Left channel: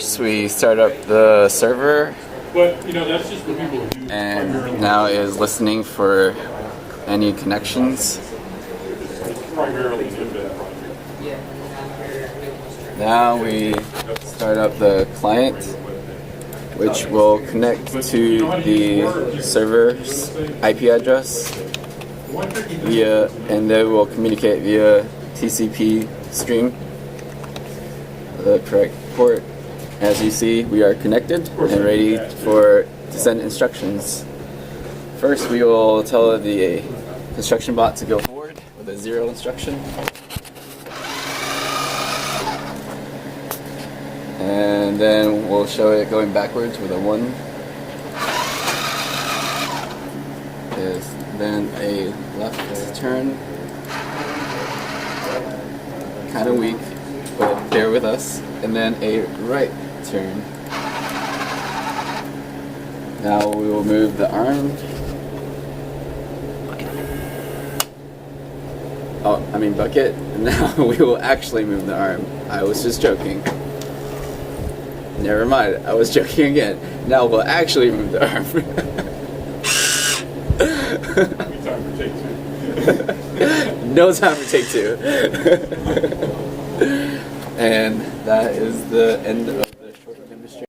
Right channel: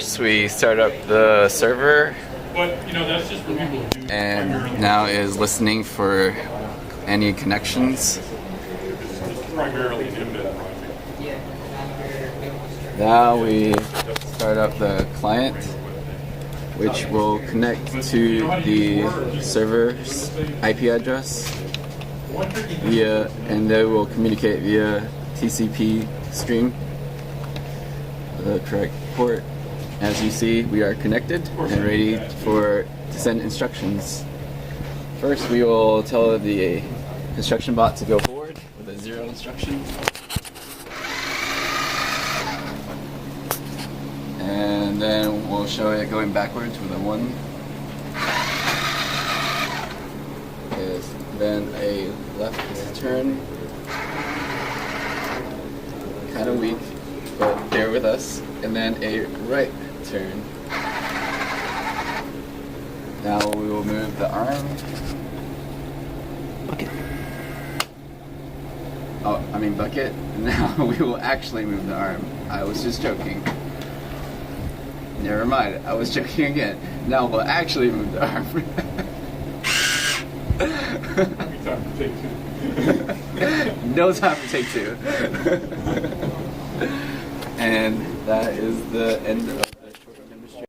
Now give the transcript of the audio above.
First, we start up the server, But that's just for people who do and now is listening for any connections. primarily Timbit project. Now we start up the client, which will connect to the server's IP address and they will communicate via TCP stream, the correct port. As you see, we are connected and ready to send instructions. First, we will tell the construction bot to go forward with a 0 instruction. And then we'll show it going backwards with a 1. Then a left turn. Kind of weak, but bear with us. And then a right turn. Now we will move the arm. Bucket. Now we will actually move the arm. I was just joking. Never mind, I was joking again. Now we'll actually move the arm. Time for take 2. No time for take 2. And that is the end of